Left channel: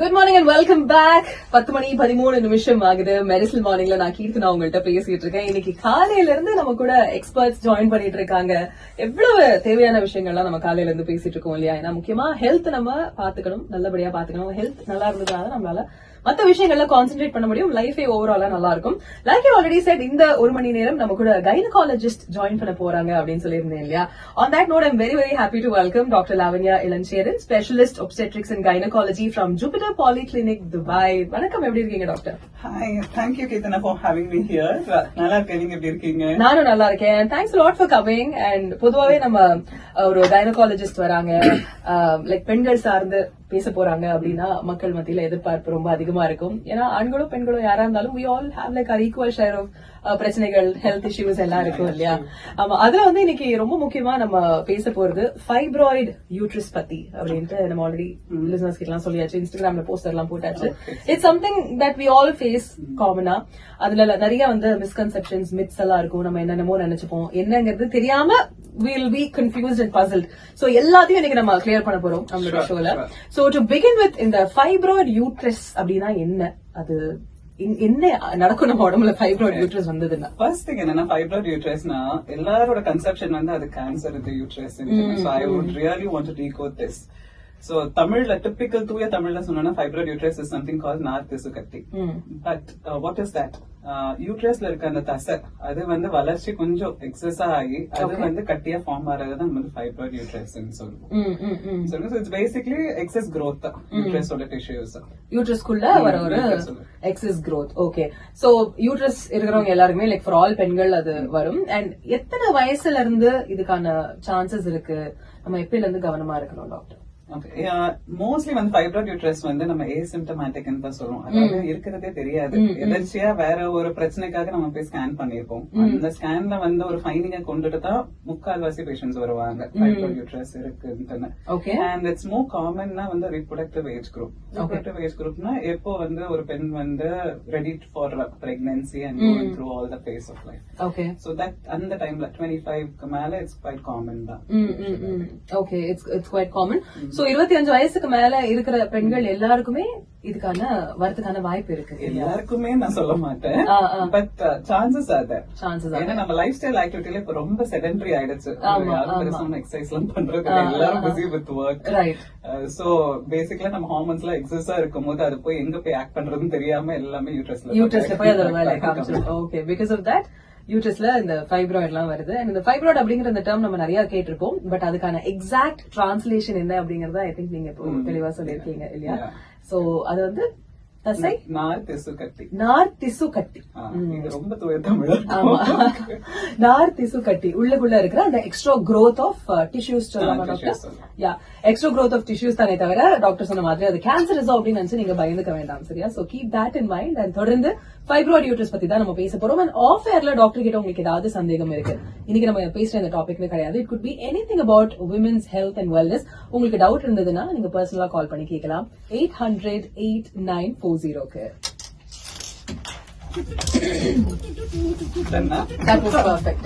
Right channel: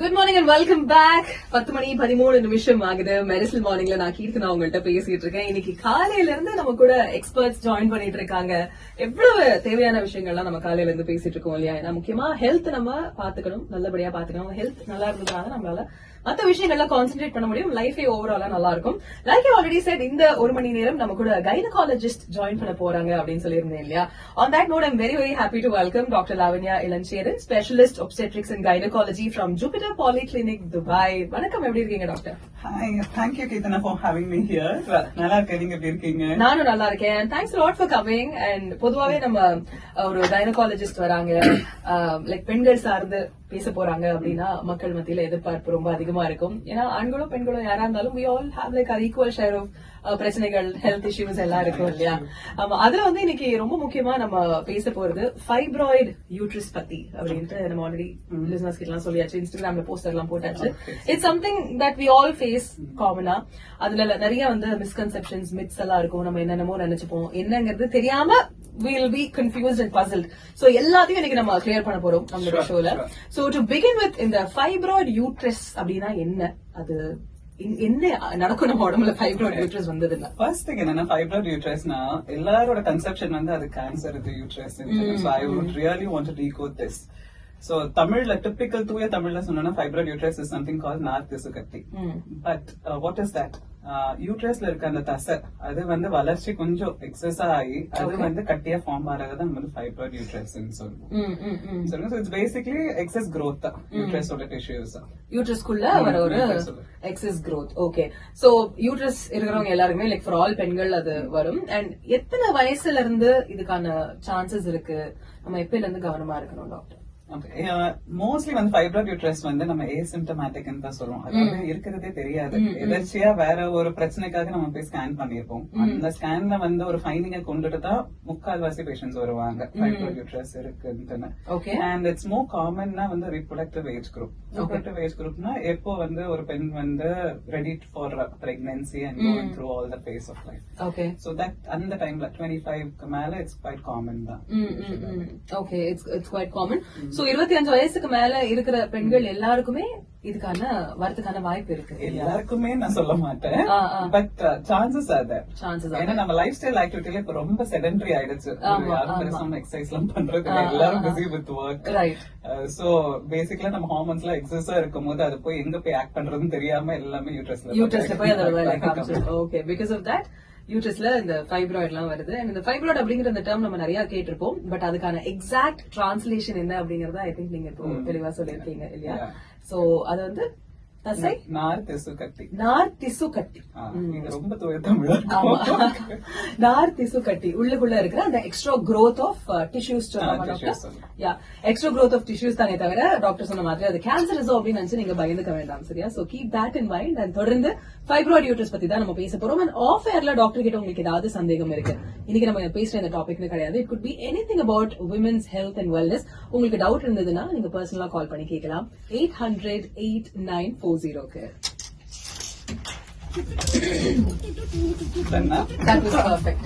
Good morning and welcome back. 10:13 ஆகுது. Medicinal மார்னிங்ல நான் கீர்த்தனா உங்கள்கிட்ட பேசிட்டு இருக்கேன். இன்னைக்கு காலையில இருந்து நம்ம கூட எக்ஸ்பர்ட்ஸ் ஜாயின் பண்ணிட்டு இருக்காங்க. எவ்வளவு தேவையான விஷயங்கள்லாம் நம்ம காலையில இருந்து பேசிட்டு இருக்கோம் இல்லையா? ஏன்னா முக்கியமா ஹெல்த் நம்ம பாத்துக்கணும், நல்லபடியா பாத்துக்கணும். ஹெல்த் நல்லா இருந்ததுனால நம்மளால மற்ற விஷயங்கள்ல கான்சென்ட்ரேட் பண்ண முடியும். லைஃபே ஓவராலா நல்லா இருக்கும். லைக் யூ ஆல்ரெடி செட், இந்த ஒரு மணி நேரம் நம்ம கூட கைனகாலஜிஸ்ட் ஜாயின் பண்ண போறாங்க அப்படின்னு சொல்லியிருந்தேன் இல்லையா? On that note, I'm very very happy to welcome doctor Lavanya Ilancheran, specialist obstetrics and gynecology from Jupiter Polyclinic, Dubai. வணக்கம், எப்படி இருக்கீங்க doctor? Hi, thank you Keetana for having me here. நல்லா இருக்கேன், நீங்க எப்படி இருக்கீங்க? நானும் நல்லா இருக்கேன். Thanks a lot for coming. And பொதுவாவே நம்ம ஒரு கைனகாலஜிஸ்ட் வராங்க, லைக் பெண்கள் சார்ந்து பேச போறாங்க அப்படின்னா மக்கள் மத்தியில எதிர்பார்ப்பு ரொம்ப அதிகமா இருக்கும். ஏன்னா ஆண்களோ பெண்களோ யாரா இருந்தாலும் we all have like our equal share of பிரச்சனைகள், ஹெல்த் இஷ்யூஸ் எல்லாம் இருக்கும் இல்லையா? ஆமா, அதுல வந்து இன்னைக்கு ரொம்ப முக்கியமா நம்ம பேச போறது ஃபைப்ராய்டு யூட்ரஸ் பத்தி அப்படின்ட்டு நம்ம ஆல்ரெடி லிசனர்ஸ் கிட்ட எல்லாம் சொல்லியாச்சு, இன்ஸ்டாகிராம்ல போஸ்டர் எல்லாம் போட்டாச்சு. It's something that we all face காமனா. அதுல நிறைய வந்து மிஸ்கன்செப்ஷன்ஸ், மித்ஸ் எல்லாம் இருக்கும். நம்ம என்னென்னமோ நினைச்சுப்போம், என்னங்கிறது தெரியாம we'll be confused and puzzled. So எல்லாத்தையும் இன்னைக்கு நம்ம கிளியர் பண்ண போறோம் நம்மளோட ஷோல. So to begin with, இந்த ஃபைப்ராய்டு யூட்ரஸ் அப்படின்னா என்ன, அது என்ன நடக்கும் நம்ம உடம்புல ஃபைப்ராய்டு யூட்ரஸ் வந்ததுன்னா? ஃபர்ஸ்ட் திங் என்னன்னா, ஃபைப்ராய்டு யூட்ரஸ்னா எல்லாரோட கன்செப்ஷன் வந்து அது கேன்சர் இது uterus. So I would really want to decode this. So தமிழ்ல டிபிக்கல் தூய தமிழ்ல சொன்னா fibroid uterus is something called நார்த்திசு கட்டி. But what is that? யூட்ரஸ்ல இருக்க அந்த தசை அது வந்து வளர்ச்சி கொஞ்சம் எக்ஸஸ் ஆகி அது வந்து கட்டியா ஃபார்ம் ஆறதுதான் நம்ம ஃபைப்ராய்டு யூட்ரஸ் சொல்லுவோம். So it's basically excess growth யூட்ரஸோட டிஷ்யூஸ். யூட்ரஸ்க்குள்ள வர ஒரு excess growth. Okay, so uterus இருக்கிறவங்க எல்லாருமே லைக் ஃபார் ஆல் பெண்கள் அது வரும். அண்ட் எத்தனை வயசுல இருந்து இதுக்கான சான்சஸ் இருக்கு? நம்ம எப்பல இருந்து கவனமா இருக்கணும் டாக்டர்? மோஸ்ட்லி வந்து ஃபைப்ராய்டு யூட்ரஸ் வந்து நம்ம ஏசிம்டமேட்டிக் தான் சொல்லுவோம். அதாவது இருக்கிறதே தெரியாது, எதர்ச்சியா வேற ஒரு பிரச்சனைக்காக நம்ம போய் ஸ்கேன் பண்ணிருப்போம். அந்த ஸ்கேன்ல வந்து ஒரு ஃபைண்டிங்க கொண்டுட்டு தான் முக்கால்வாசி பேஷண்ட்ஸ் வருவாங்க ஃபைப்ராய்டு யூட்ரஸ் இருக்குன்னு. அண்ட் இட்ஸ் மோர் காமன்னா வந்து reproductive age group. Reproductive age குரூப்னா எப்போ வந்து ஒரு பெண் வந்து ready for pregnancy and going through all the phase of life. Okay, so that அந்த டைம்ல 25க்கு மேல இட்ஸ் குவைட் காமன் தான். Okay, it's quite common. So 25 வயசுக்கு மேல இருக்கிற பெண்கள் எல்லாருக்குமே இதுக்கான வரதுக்கான வாய்ப்பு இருக்கு? எல்லாருக்குமே நான் சொல்ல மாட்டேன், பட் சான்சஸ் ஆர் தேர். ஏன்னா நம்ம லைஃப் ஸ்டைல் ஆக்டிவிட்டில இப்ப ரொம்ப செடென்டரி ஆயிடுச்சு. எக்ஸசைஸ் எல்லாம் பண்றது, எல்லாரும் பிஸி வித் ஒர்க். சோ பேசிக்கலா நம்ம ஹார்மோன்ஸ் எல்லாம் எக்ஸஸா இருக்கும் போது அது போய் எங்க போய் ஆக்ட் பண்றதுன்னு தெரியாம எல்லாமே யூட்ரஸ்ல போய் அதோட வேலை காமிச்சிடும். ஓகே, பிகாஸ் ஆஃப் தட் யூட்ரஸ்ல இந்த ஃபைப்ராய்டு எல்லாம் வருது. அண்ட் இந்த ஃபைப்ராய்டு அப்படிங்கிற இந்த டேர்ம் நம்ம நிறைய கேட்டிருப்போம், பட் அதுக்கான எக்ஸாக்ட் டிரான்ஸ்லேஷன் என்ன அப்படிங்கறத ஐ திங்க் நீங்க இப்போ தெளிவா சொல்லிருக்கீங்க இல்லையா? சோ அது வந்து தசை நார்த்திசு கட்டி. நார்த்திசு கட்டி, ரொம்ப தூய தமிழ். ஆமா, நார்த்திசு கட்டி உள்ளுக்குள்ள இருக்கிற அந்த எக்ஸ்ட்ரா growth ஆஃப் டிஷ்யூஸ் சொல்லலாமா doctor? Yeah, extra growth of tissues தானே தவிர டாக்டர் சொன்ன மாதிரி அது கேன்சரஸ் அப்படின்னு நினைச்சு நீங்க பயந்துக்க வேண்டாம், சரியா? So keep that in mind. And தொடர்ந்து ஃபைப்ராய்டு யூட்ரஸ் பத்தி தான் நம்ம பேச போறோம். அண்ட் ஆஃப் ஏர்ல டாக்டர் கிட்ட உங்களுக்கு ஏதாவது சந்தேகம் இருக்கு, இன்னைக்கு நம்ம பேசுற இந்த டாபிக்னு கிடையாது, it could be anything about women's health and wellness. உங்களுக்கு டவுட் இருந்ததுன்னா நீங்க பர்சனலா கால் பண்ணி கேட்கலாம் 800-8940. That was perfect.